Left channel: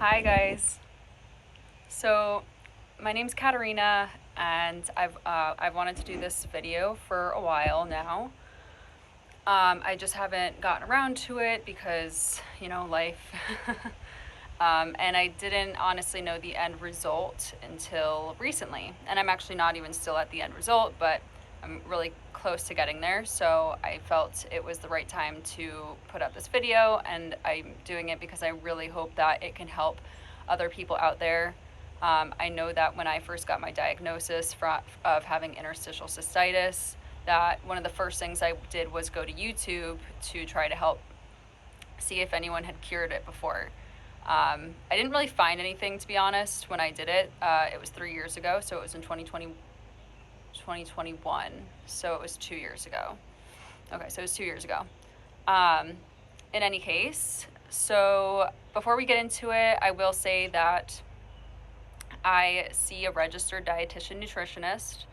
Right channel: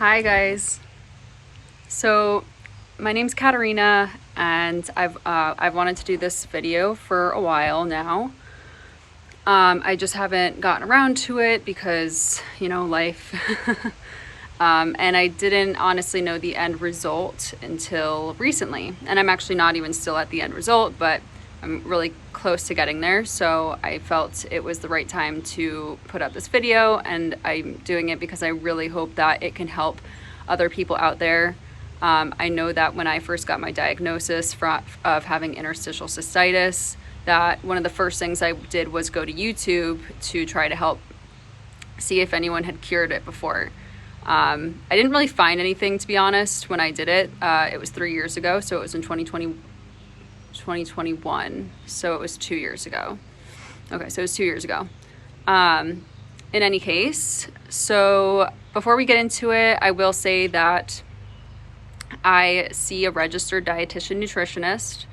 Hi guys. So my name's Katarina, and I've wanted to do this video for a while now. I just haven't gotten around to it because, life. And I didn't honestly know the end result until recently. And I'm actually not even still at the end result, but I'm really close to getting there. So I felt it was the right time to put up this video, and I'm doing it because I really hope that it can help other people out there. I know that when I first got my diagnosis of having interstitial cystitis, that one of the first things I did was go to YouTube to try to help see if anyone had cured it before. I didn't really find anything, to be honest, when I did it. It was 3 years ago, so it was in 2021, so it was 2 years ago. Okay, so it was 2 years ago. In any case, so before we get into it, I will say that I see a registered dietitian nutritionist.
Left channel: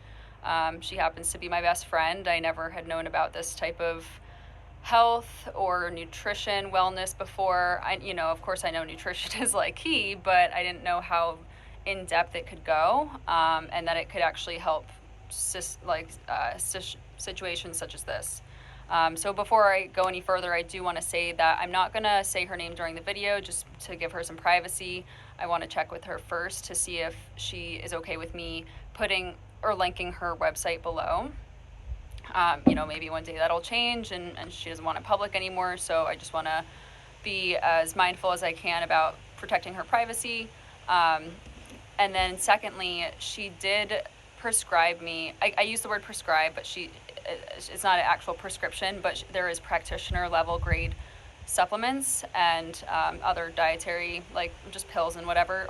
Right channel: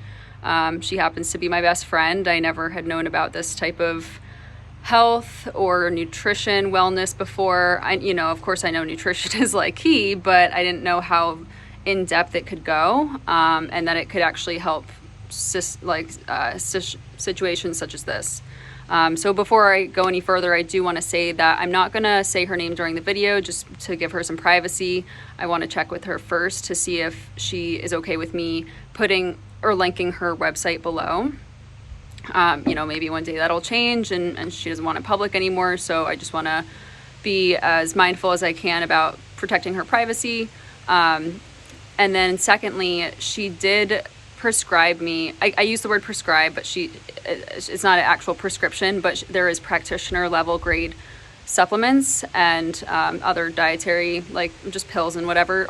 She happens to be my best friend. I never had known about this type of health or nutrition wellness before. Of course I know nutrition is like key, but I didn't know how in depth it could go, and that it could actually help situations such as this. So before I go any further, I do want to say that I'm not going to say her name during the video just to give her some privacy. I want to check with her first to see if she is okay with me putting or linking her website below. Maybe one day that'll change and she doesn't want it public anymore. So I just want to be as mindful as I can about protecting her privacy. And then secondly, she did prescribe me, I use the word prescribe, but it's not an actual prescription, but there is practitioner level grade supplements and other dietary, like just pills and whatever.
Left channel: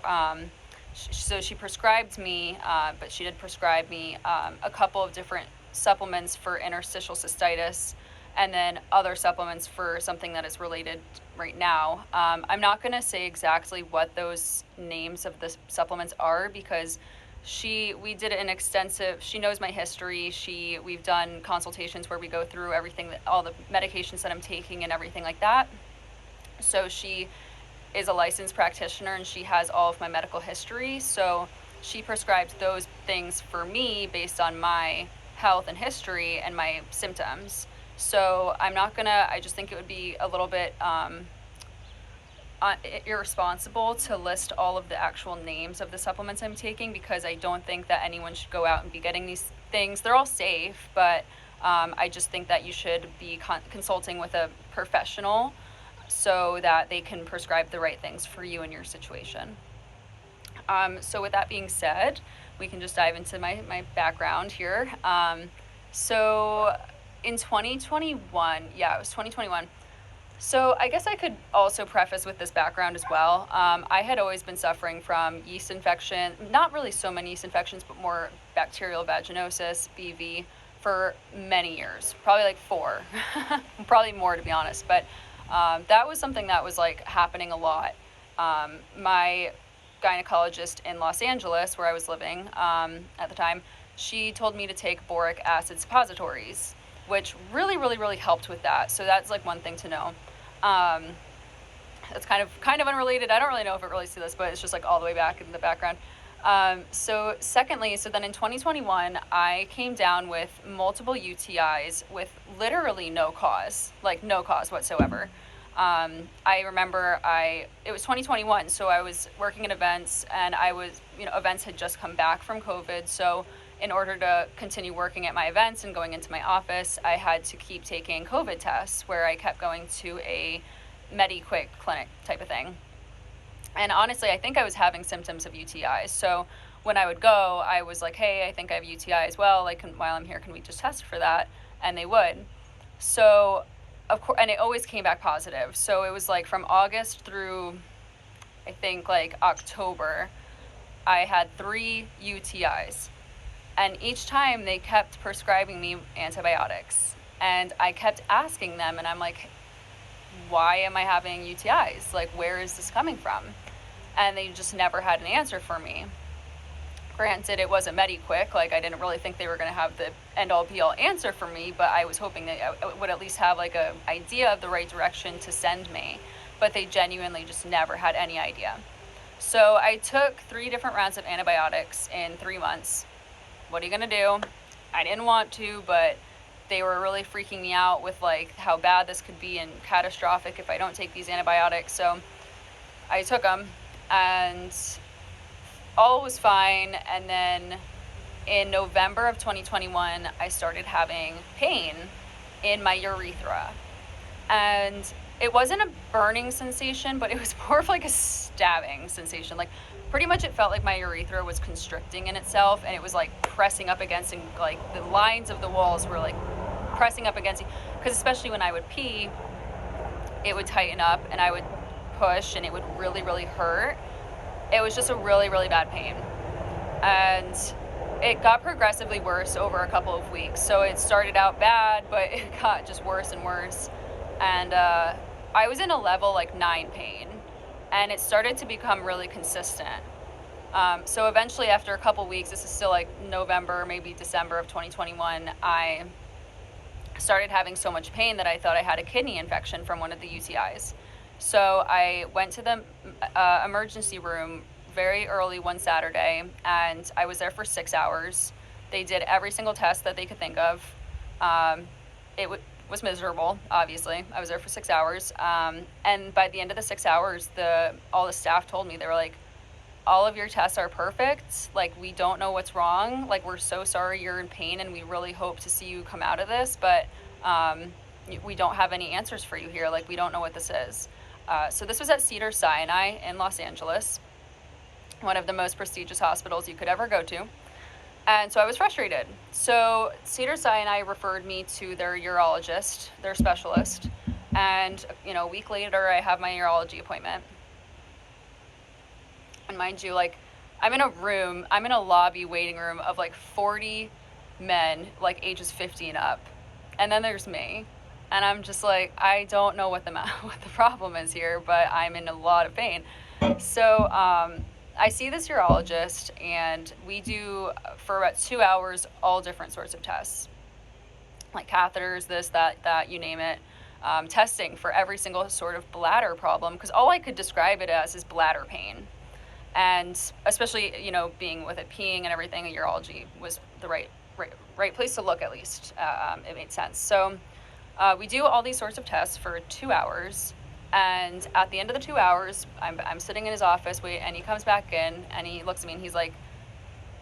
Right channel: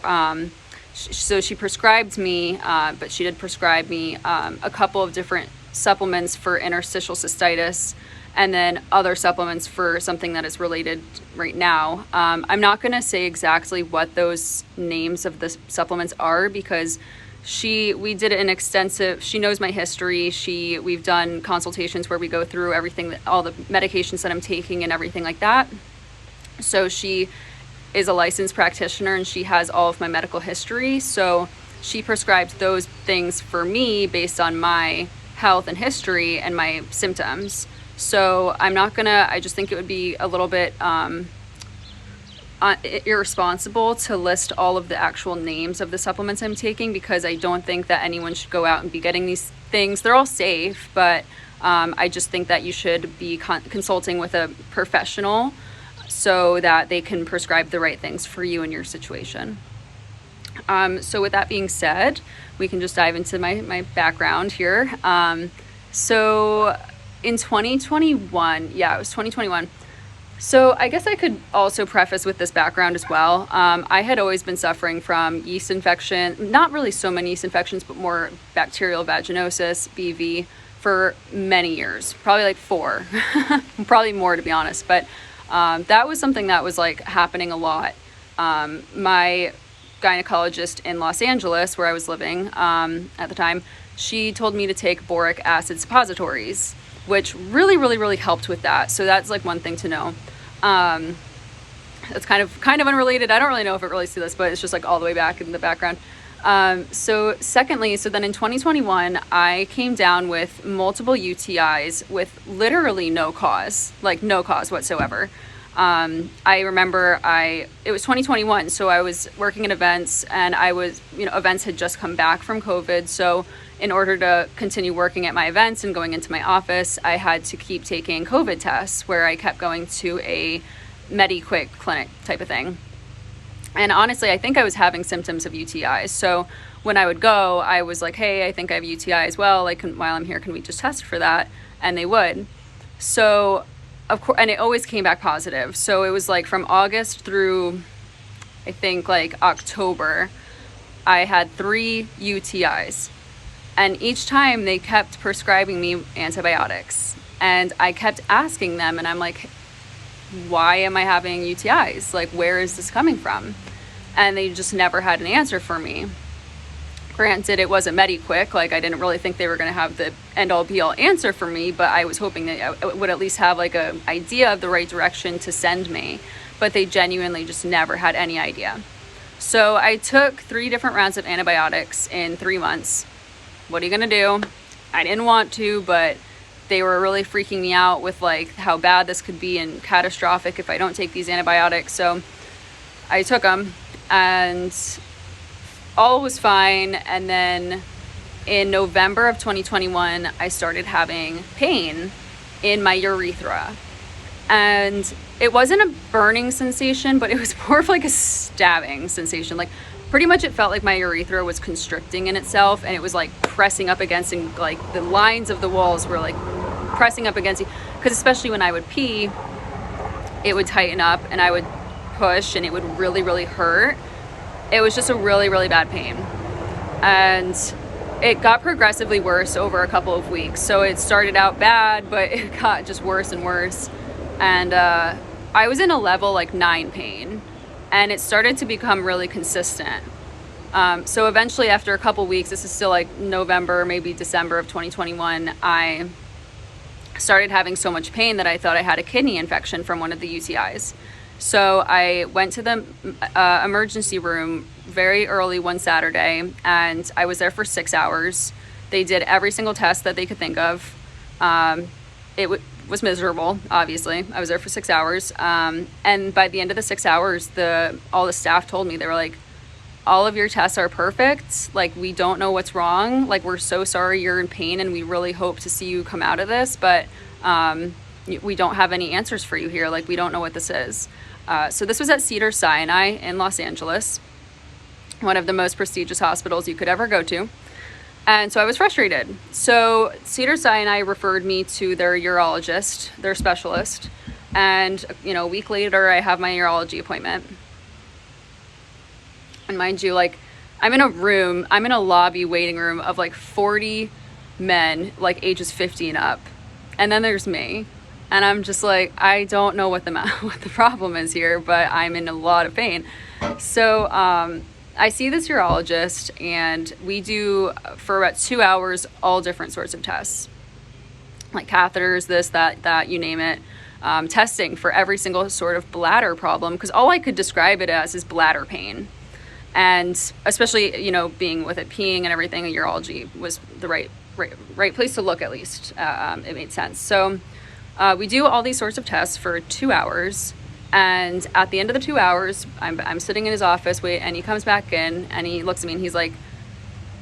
So she prescribed me, but she did prescribe me a couple of different supplements for interstitial cystitis, and then other supplements for something that is related right now. I'm not going to say exactly what those names of the supplements are because we did an extensive, she knows my history. We've done consultations where we go through everything, all the medications that I'm taking and everything like that. So she is a licensed practitioner and she has all of my medical history. So she prescribed those things for me based on my health and history and my symptoms. So I just think it would be a little bit irresponsible to list all of the actual names of the supplements I'm taking, because I don't think that anyone should go out and be getting these things. They're all safe, but I just think that you should be consulting with a professional so that they can prescribe the right things for you in your situation. So with that being said, we can just dive into my background here. So in 2021, it was 2021. So I guess I could also preface with this background as well. I had always been suffering from yeast infection, not really so many yeast infections, but more bacterial vaginosis, BV, for many years, probably like 4, probably more to be honest. But that was something that was like happening a lot. My gynecologist in Los Angeles, where I was living at the time, she told me to take boric acid suppositories, which really, really, really helped with that. So that's like one thing to know. That's kind of unrelated. I don't really know if it relates to this, but it's just like all the way back in the background. So then in 2021, I came down with multiple UTIs with literally no cause whatsoever. I remember it was 2021, so I was working in events, and events had just come back from COVID. So in order to continue working at my events and going into my office, I had to keep taking COVID tests, where I kept going to a MediQuick clinic type of thing. And honestly, I think I was having symptoms of UTIs. So when I would go, I was like, hey, I think I have a UTI as well. Like, while I'm here, can we just test for that? And they would. So of course, and it always came back positive. So it was like from August through, I think, like October, I had 3 UTIs. And each time they kept prescribing me antibiotics. And I kept asking them, and I'm like, why am I having UTIs? Like, where is this coming from? And they just never had an answer for me. Granted, it wasn't MediQuick. Like, I didn't really think they were going to have the end-all be-all answer for me, but I was hoping that I would at least have like an idea of the right direction to send me. But they genuinely just never had any idea. So I took 3 different rounds of antibiotics in 3 months. What are you gonna do? I didn't want to, but they were really freaking me out with like how bad this could be and catastrophic if I don't take these antibiotics. So I took them and all was fine. And then in November of 2021, I started having pain in my urethra. And it wasn't a burning sensation, but it was more of like a stabbing sensation. Like pretty much it felt like my urethra was constricting in itself, and it was like pressing up against, and like the lines of the walls were like pressing up against you. Because especially when I would pee, it would tighten up and I would push and it would really, really hurt. It was just a really, really bad pain. And it got progressively worse over a couple of weeks. So it started out bad, but it got just worse and worse. And I was in a level like 9 pain, and it started to become really consistent. So eventually after a couple weeks, this is still like November, maybe December of 2021, I started having so much pain that I thought I had a kidney infection from one of the UTIs. So I went to the emergency room very early one Saturday, and I was there for 6 hours. They did every single test that they could think of. It was miserable, obviously. I was there for 6 hours. And by the end of the 6 hours, all the staff told me, they were like, all of your tests are perfect. Like, we don't know what's wrong. Like, we're so sorry you're in pain, and we really hope to see you come out of this, but we don't have any answers for you here. Like, we don't know what this is. So this was at Cedars-Sinai in Los Angeles, one of the most prestigious hospitals you could ever go to. And so I was frustrated. So Cedars-Sinai referred me to their urologist, their specialist. And, a week later, I have my urology appointment. And mind you, like, I'm in a lobby waiting room of like 40 men, like ages 50 and up. And then there's me. And I'm just like, I don't know what the problem is here, but I'm in a lot of pain. So I see this urologist, and we do, for about 2 hours, all different sorts of tests. Like catheters, this, that, you name it. Testing for every single sort of bladder problem, because all I could describe it as is bladder pain. And especially, being with it peeing and everything, urology was the right place to look, at least. It made sense. So we do all these sorts of tests for 2 hours. And at the end of the 2 hours, I'm sitting in his office, and he comes back in, and he looks at me, and he's like,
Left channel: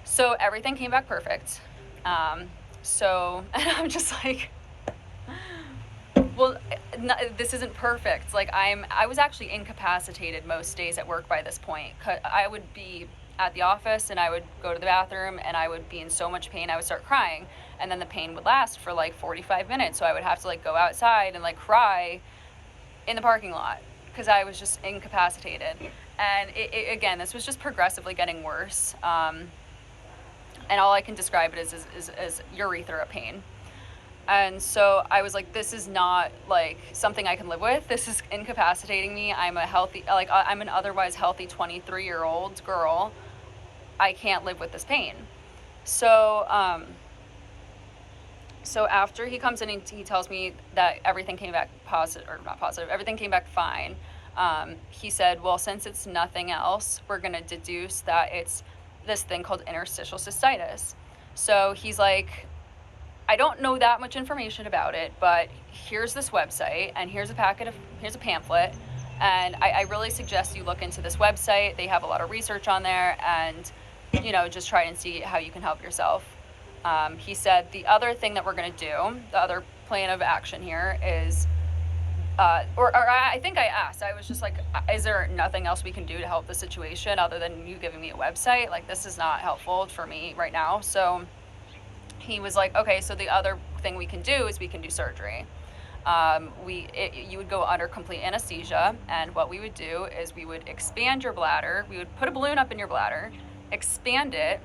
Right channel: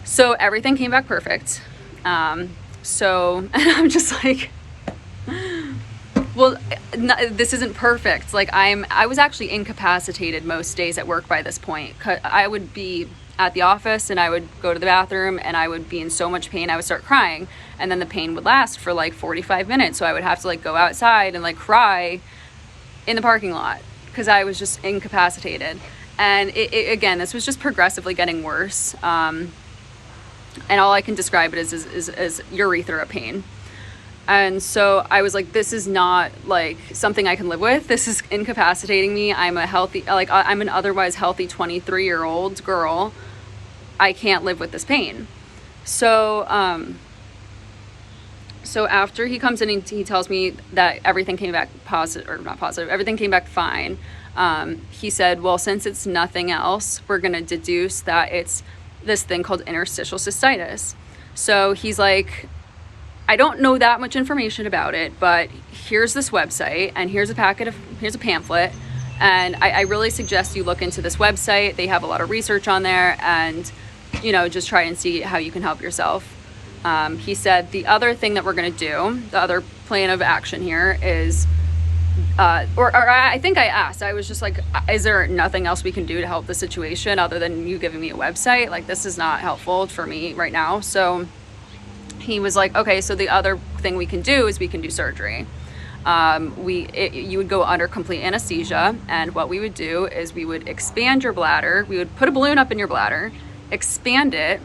so everything came back perfect. And I'm just like, well, this isn't perfect. Like, I was actually incapacitated most days at work by this point. I would be at the office, and I would go to the bathroom, and I would be in so much pain, I would start crying. And then the pain would last for like 45 minutes. So I would have to like go outside and like cry in the parking lot because I was just incapacitated. And again, this was just progressively getting worse. And all I can describe it is urethra pain. And so I was like, this is not like something I can live with. This is incapacitating me. I'm I'm an otherwise healthy 23-year-old girl. I can't live with this pain. So, so after he comes in and he tells me that everything came back positive, or not positive, everything came back fine. He said, well, since it's nothing else, we're going to deduce that it's this thing called interstitial cystitis. So he's like, I don't know that much information about it, but here's this website, and here's a pamphlet, and I really suggest you look into this website. They have a lot of research on there, and just try and see how you can help yourself. He said the other thing that we're going to do, the other plan of action here is, I think I asked, I was just like, is there nothing else we can do to help the situation other than you giving me a website? Like, this is not helpful for me right now. So he was like, okay, so the other thing we can do is we can do surgery. You would go under complete anesthesia, and what we would do is we would expand your bladder. We would put a balloon up in your bladder, expand it,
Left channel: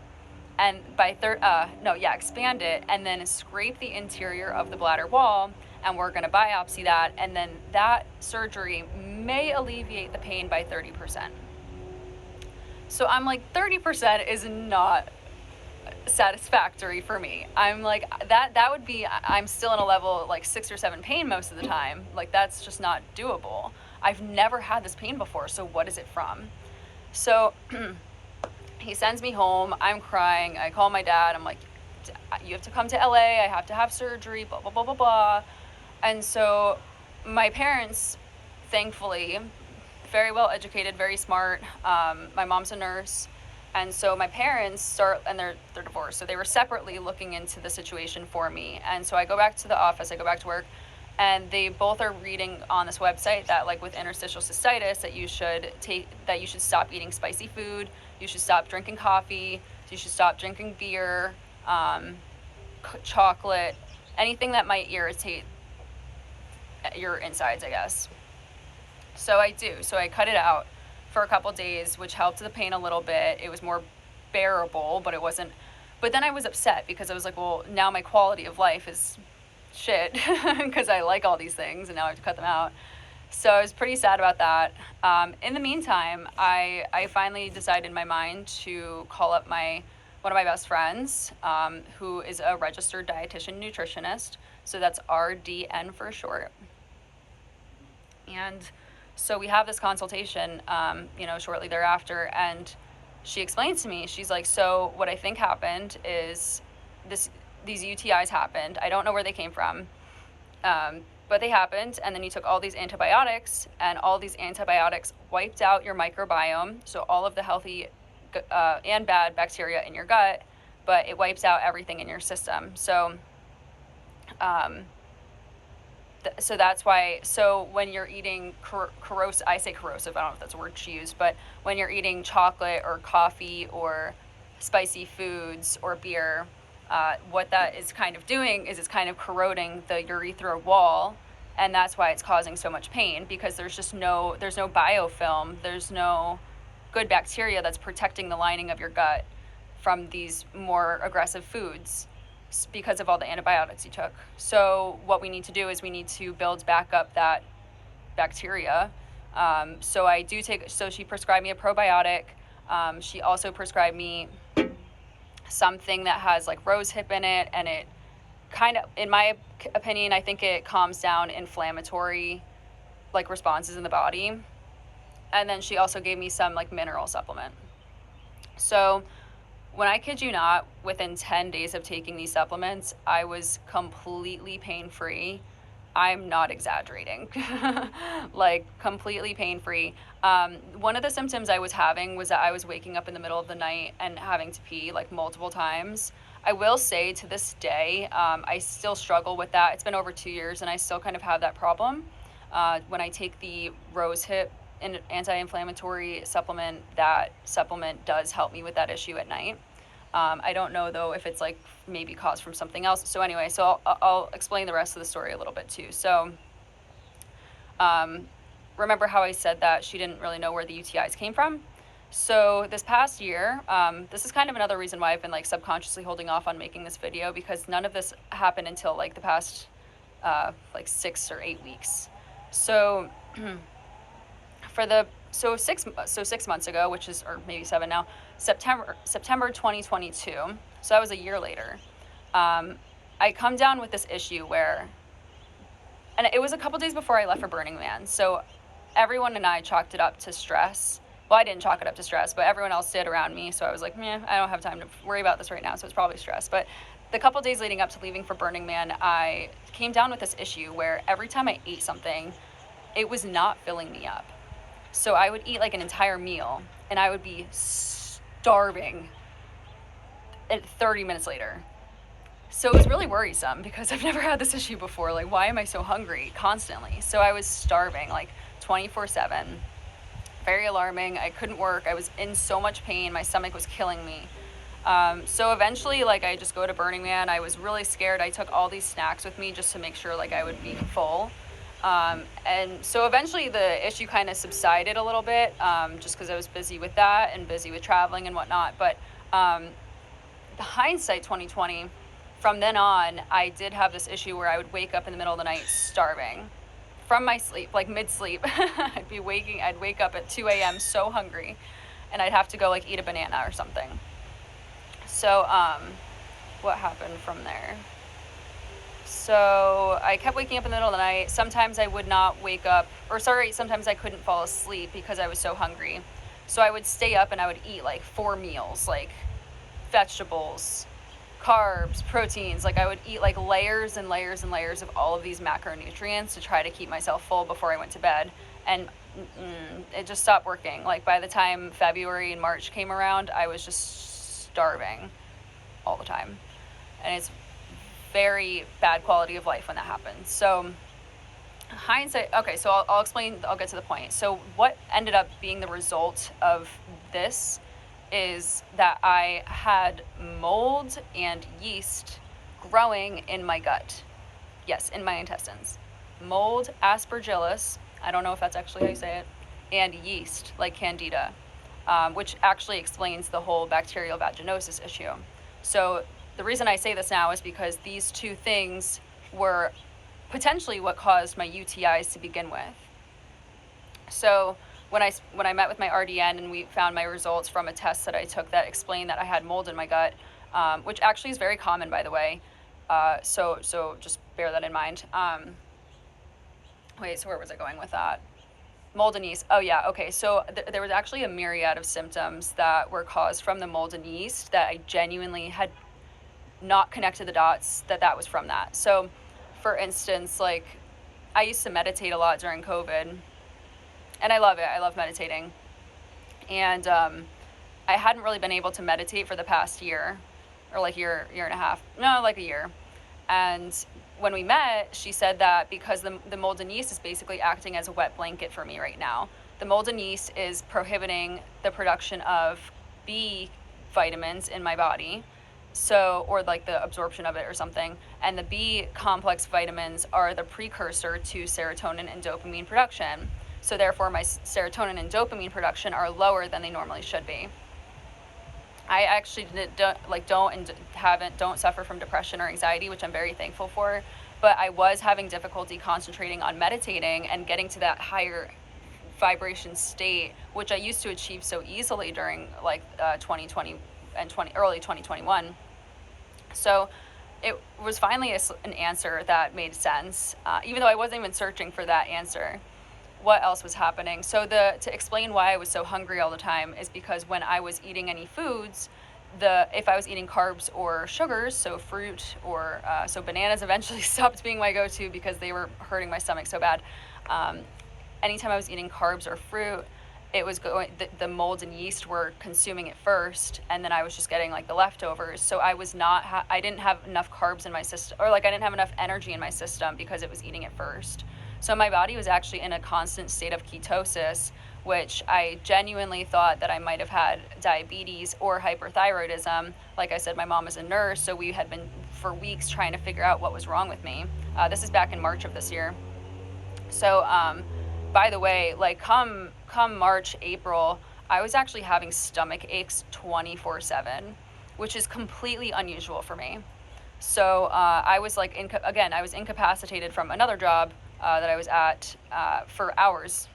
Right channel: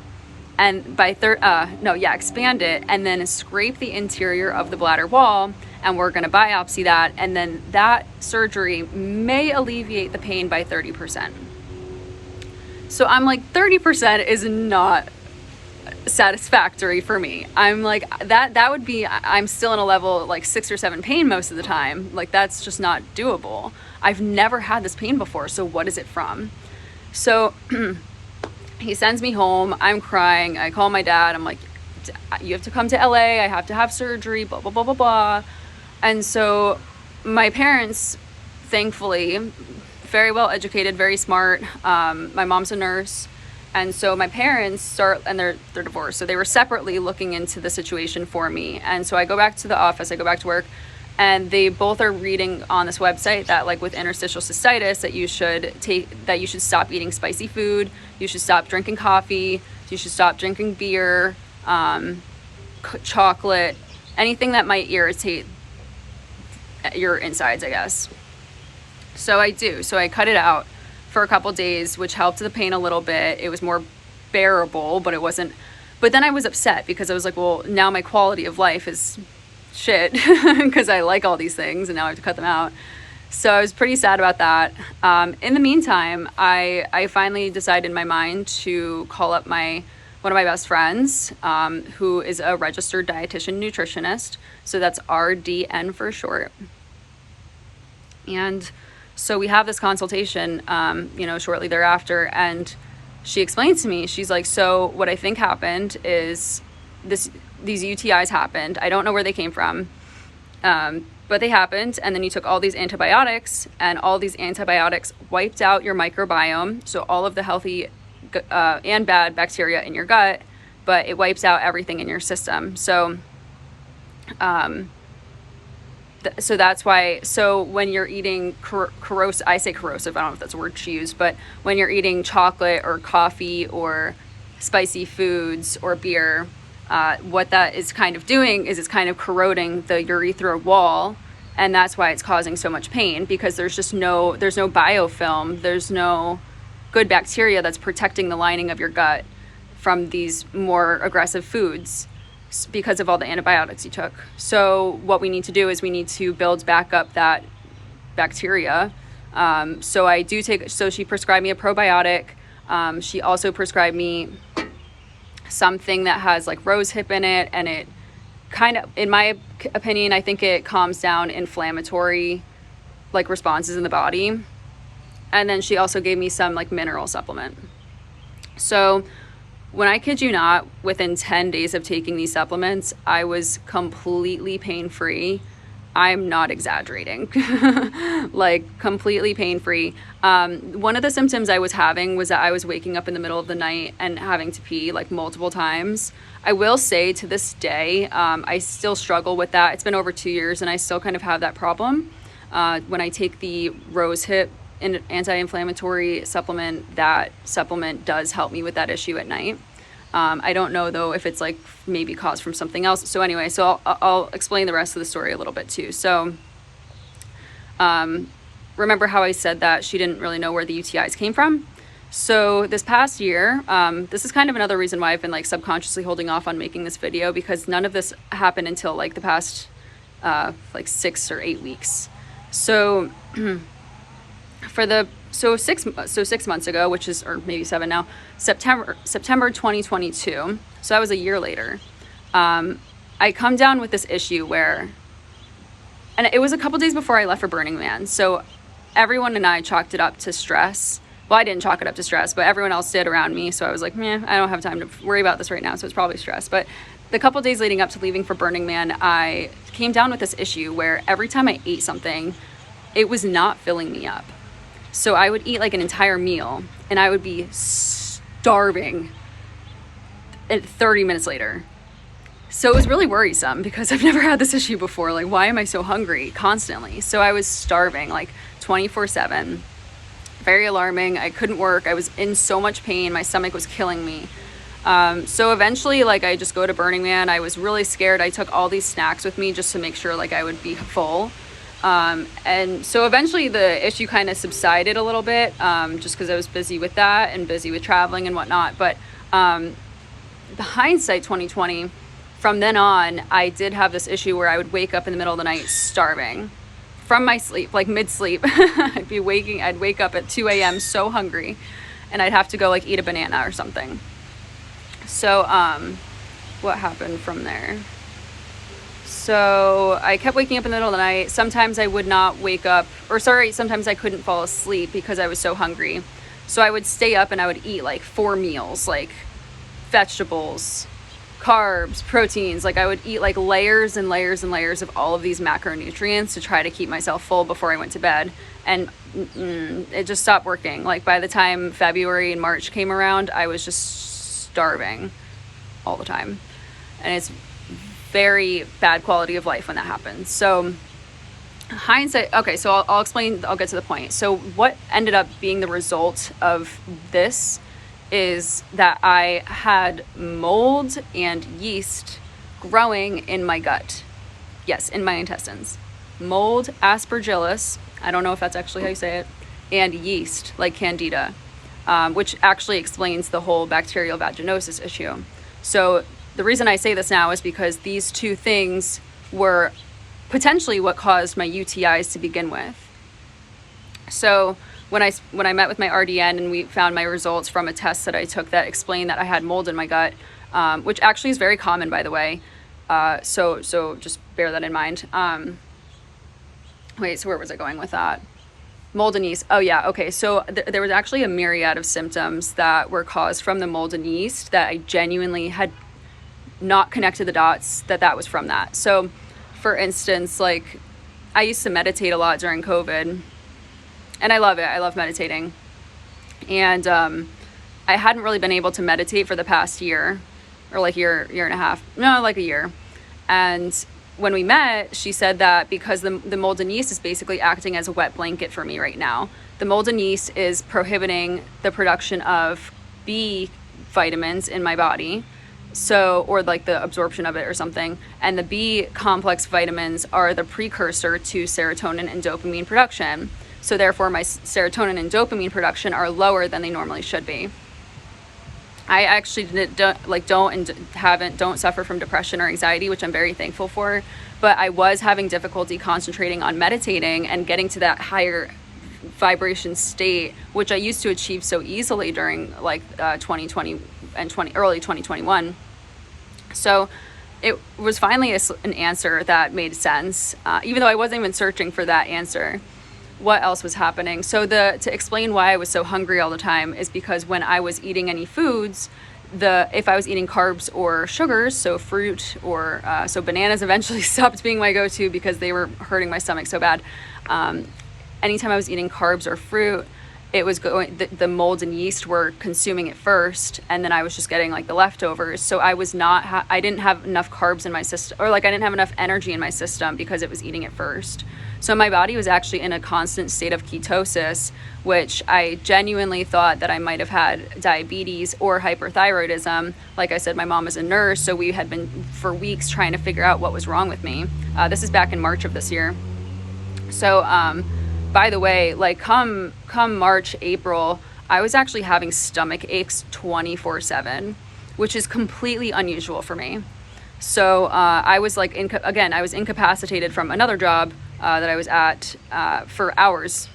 and expand it, and then scrape the interior of the bladder wall, and we're going to biopsy that, and then that surgery may alleviate the pain by 30%. So I'm like, 30% is not satisfactory for me. I'm like, that would be, I'm still in a level like 6 or 7 pain most of the time. Like, that's just not doable. I've never had this pain before, so what is it from? So he sends me home. I'm crying. I call my dad. I'm like, you have to come to LA. I have to have surgery, blah, blah, blah, blah, blah. And so my parents, thankfully, very well educated, very smart. My mom's a nurse. And so my parents and they're divorced. So they were separately looking into the situation for me. And so I go back to the office, I go back to work, and they both are reading on this website that, like, with interstitial cystitis, that you should stop eating spicy food, you should stop drinking coffee, you should stop drinking beer, chocolate, anything that might irritate your insides, I guess. So I do. So I cut it out for a couple days, which helped the pain a little bit. It was more bearable, but it wasn't. But then I was upset because I was like, well, now my quality of life is shit because I like all these things and now I have to cut them out. So I was pretty sad about that. In the meantime, I finally decided in my mind to call up one of my best friends, who is a registered dietitian nutritionist. So that's RDN for short. And so we have this consultation, shortly thereafter, and she explains to me, she's like, so what I think happened is these UTIs happened. I don't know where they came from, but they happened. And then you took all these antibiotics, and all these antibiotics wiped out your microbiome. So all of the healthy and bad bacteria in your gut, but it wipes out everything in your system. So, so that's why, so when you're eating corrosive, I say corrosive, I don't know if that's a word she used, but when you're eating chocolate or coffee or spicy foods or beer, what that is kind of doing is it's kind of corroding the urethral wall, and that's why it's causing so much pain, because there's no biofilm, there's no good bacteria that's protecting the lining of your gut from these more aggressive foods because of all the antibiotics you took. So what we need to do is we need to build back up that bacteria. So she prescribed me a probiotic. She also prescribed me something that has like rose hip in it, and it kind of, in my opinion, I think it calms down inflammatory like responses in the body. And then she also gave me some like mineral supplement. So when I kid you not, within 10 days of taking these supplements, I was completely pain-free. I'm not exaggerating. Like completely pain-free. One of the symptoms I was having was that I was waking up in the middle of the night and having to pee like multiple times. I will say to this day, I still struggle with that. It's been over 2 years and I still kind of have that problem. When I take the rose hip anti-inflammatory supplement, that supplement does help me with that issue at night. I don't know though if it's like maybe caused from something else. So anyway, so I'll explain the rest of the story a little bit too. So remember how I said that she didn't really know where the UTIs came from? So this past year, this is kind of another reason why I've been like subconsciously holding off on making this video, because none of this happened until like the past like 6 or 8 weeks. So 6 months ago, which is, or maybe 7 now, September 2022, so that was a year later, I come down with this issue where, and it was a couple days before I left for Burning Man, so everyone and I chalked it up to stress. Well, I didn't chalk it up to stress, but everyone else did around me, so I was like, I don't have time to worry about this right now, so it's probably stress. But the couple days leading up to leaving for Burning Man, I came down with this issue where every time I ate something, it was not filling me up. So I would eat like an entire meal and I would be starving at 30 minutes later. So it was really worrisome because I've never had this issue before. Like, why am I so hungry constantly? So I was starving like 24/7. Very alarming. I couldn't work. I was in so much pain. My stomach was killing me. So eventually, like, I just go to Burning Man. I was really scared. I took all these snacks with me just to make sure like I would be full. And so eventually the issue kind of subsided a little bit, just because I was busy with that and busy with traveling and whatnot. But the hindsight 2020, from then on, I did have this issue where I would wake up in the middle of the night starving from my sleep, like mid-sleep. I'd wake up at 2 a.m. so hungry, and I'd have to go like eat a banana or something. So what happened from there? So I kept waking up in the middle of the night. Sometimes I would not wake up, sometimes I couldn't fall asleep because I was so hungry. So I would stay up and I would eat like 4 meals, like vegetables, carbs, proteins. Like I would eat like layers and layers and layers of all of these macronutrients to try to keep myself full before I went to bed. And it just stopped working. Like by the time February and March came around, I was just starving all the time. And it's very bad quality of life when that happens. So hindsight, okay, so I'll explain, I'll get to the point. So what ended up being the result of this is that I had mold and yeast growing in my gut. Yes, in my intestines. Mold, aspergillus, I don't know if that's actually how you say it, and yeast, like candida, which actually explains the whole bacterial vaginosis issue. So the reason I say this now is because these two things were potentially what caused my UTIs to begin with. So when I met with my RDN and we found my results from a test that I took that explained that I had mold in my gut, which actually is very common, by the way. So just bear that in mind. Wait, so where was I going with that? Mold and yeast. Oh yeah, okay. So there was actually a myriad of symptoms that were caused from the mold and yeast that I genuinely had not connected the dots that was from that. So for instance, like I used to meditate a lot during COVID. And I love it. I love meditating. And I hadn't really been able to meditate for the past year, or like year and a half. No, like a year. And when we met, she said that because the mold and yeast is basically acting as a wet blanket for me right now. The mold and yeast is prohibiting the production of B vitamins in my body. So, or like the absorption of it or something. And the B complex vitamins are the precursor to serotonin and dopamine production. So therefore my serotonin and dopamine production are lower than they normally should be. I actually don't suffer from depression or anxiety, which I'm very thankful for, but I was having difficulty concentrating on meditating and getting to that higher vibration state, which I used to achieve so easily during like 2020 and early 2021. So it was finally an answer that made sense, even though I wasn't even searching for that answer. What else was happening? So to explain why I was so hungry all the time is because when I was eating any foods, if I was eating carbs or sugars, so fruit or so bananas eventually stopped being my go-to because they were hurting my stomach so bad. Anytime I was eating carbs or fruit, it was going, the mold and yeast were consuming it first, and then I was just getting like the leftovers. So I was not, I didn't have enough carbs in my system, or like I didn't have enough energy in my system because it was eating it first. So my body was actually in a constant state of ketosis, which I genuinely thought that I might have had diabetes or hyperthyroidism. Like I said, my mom is a nurse, so we had been for weeks trying to figure out what was wrong with me. This is back in March of this year. So, by the way, like come March, April, I was actually having stomach aches 24/7, which is completely unusual for me. So I was like, I was incapacitated from another job that I was at for hours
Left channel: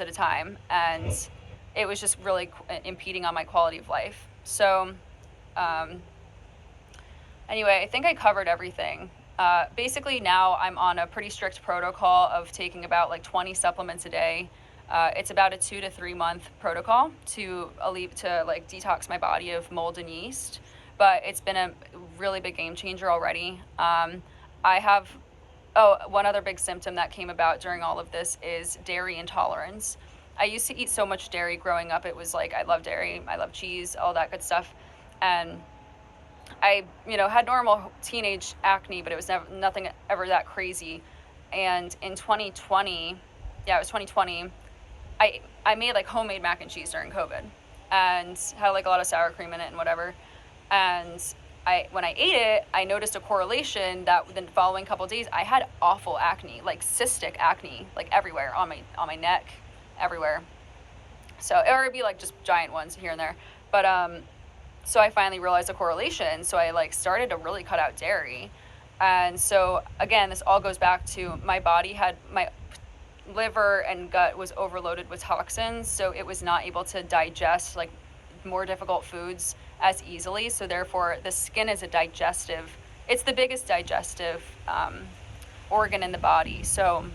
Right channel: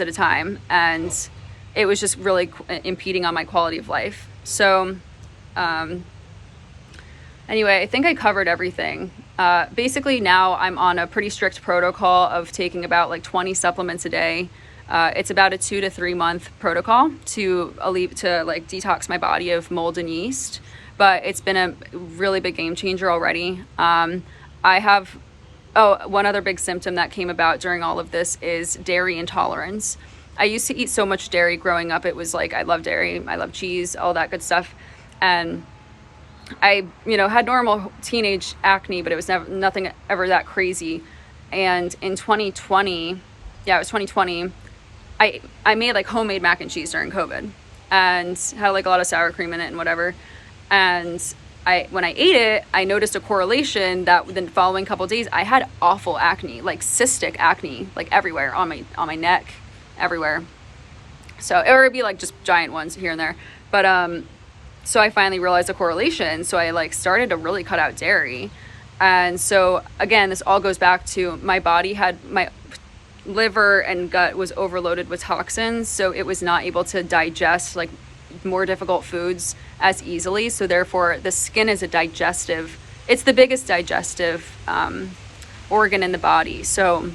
at a time, and it was just really impeding on my quality of life. So anyway, I think I covered everything. Basically now I'm on a pretty strict protocol of taking about like 20 supplements a day. It's about a 2 to 3 month protocol to like detox my body of mold and yeast, but it's been a really big game changer already. I have, one other big symptom that came about during all of this is dairy intolerance. I used to eat so much dairy growing up. It was like, I love dairy, I love cheese, all that good stuff. And I, had normal teenage acne, but it was nothing ever that crazy. And in 2020, it was 2020, I made like homemade mac and cheese during COVID and had like a lot of sour cream in it and whatever. And when I ate it, I noticed a correlation that within the following couple of days, I had awful acne, like cystic acne, like everywhere on my neck, everywhere. So it would be like just giant ones here and there. But, so I finally realized the correlation. So I like started to really cut out dairy. And so again, this all goes back to my body my liver and gut was overloaded with toxins. So it was not able to digest like more difficult foods as easily. So therefore the skin is it's the biggest digestive organ in the body. So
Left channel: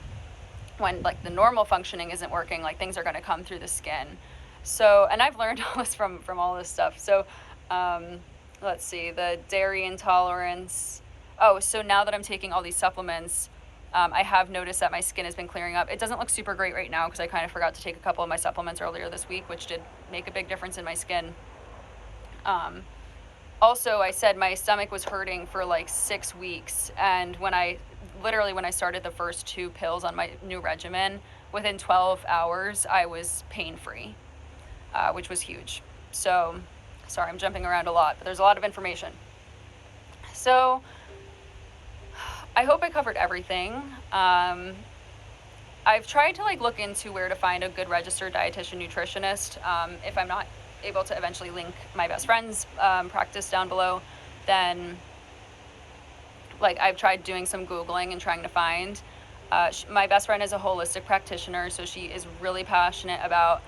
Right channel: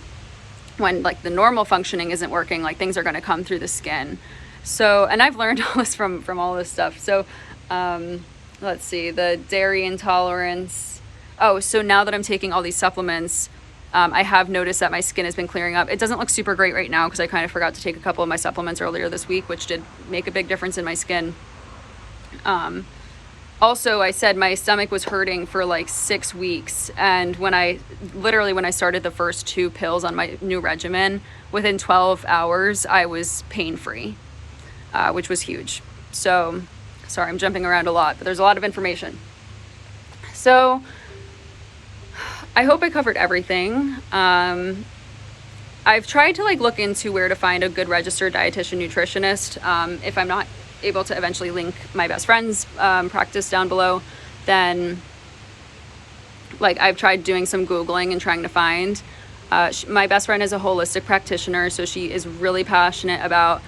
when like the normal functioning isn't working, like things are going to come through the skin. So, and I've learned all this from all this stuff. So, let's see, the dairy intolerance. Oh, so now that I'm taking all these supplements, I have noticed that my skin has been clearing up. It doesn't look super great right now because I kind of forgot to take a couple of my supplements earlier this week, which did make a big difference in my skin. Also, I said my stomach was hurting for like 6 weeks. And when I started the first 2 pills on my new regimen, within 12 hours, I was pain-free, which was huge. So, sorry, I'm jumping around a lot, but there's a lot of information. So, I hope I covered everything. I've tried to like look into where to find a good registered dietitian nutritionist. If I'm not able to eventually link my best friend's practice down below, then like I've tried doing some Googling and trying to find. My best friend is a holistic practitioner, so she is really passionate about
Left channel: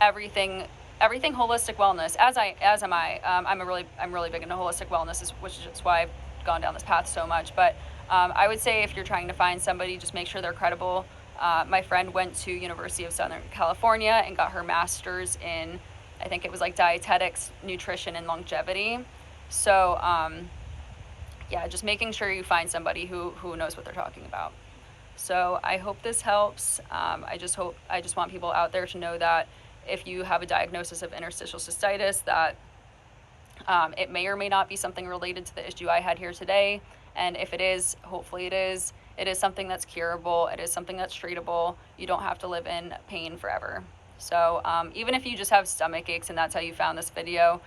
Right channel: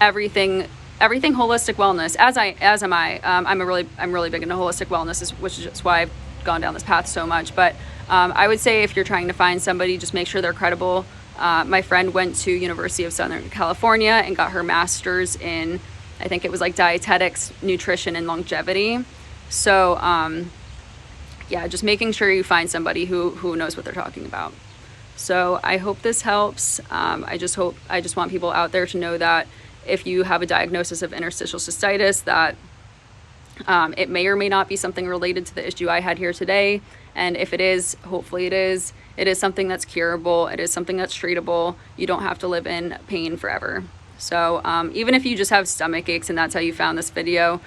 everything holistic wellness, as am I. I'm really big into holistic wellness, which is why I've gone down this path so much. But I would say if you're trying to find somebody, just make sure they're credible. My friend went to University of Southern California and got her master's in, I think it was like dietetics, nutrition, and longevity. So yeah, just making sure you find somebody who knows what they're talking about. So I hope this helps. I just want people out there to know that if you have a diagnosis of interstitial cystitis, that it may or may not be something related to the issue I had here today. And if it is, hopefully it is something that's curable. It is something that's treatable. You don't have to live in pain forever. So even if you just have stomach aches and that's how you found this video,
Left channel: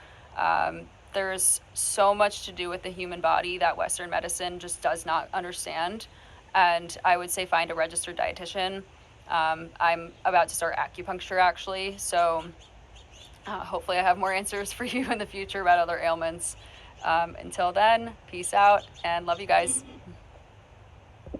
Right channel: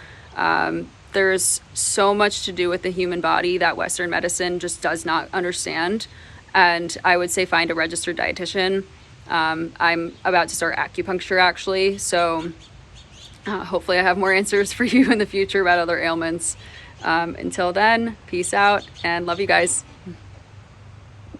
there's so much to do with the human body that Western medicine just does not understand. And I would say find a registered dietitian. I'm about to start acupuncture actually, so hopefully I have more answers for you in the future about other ailments. Until then, peace out and love you guys.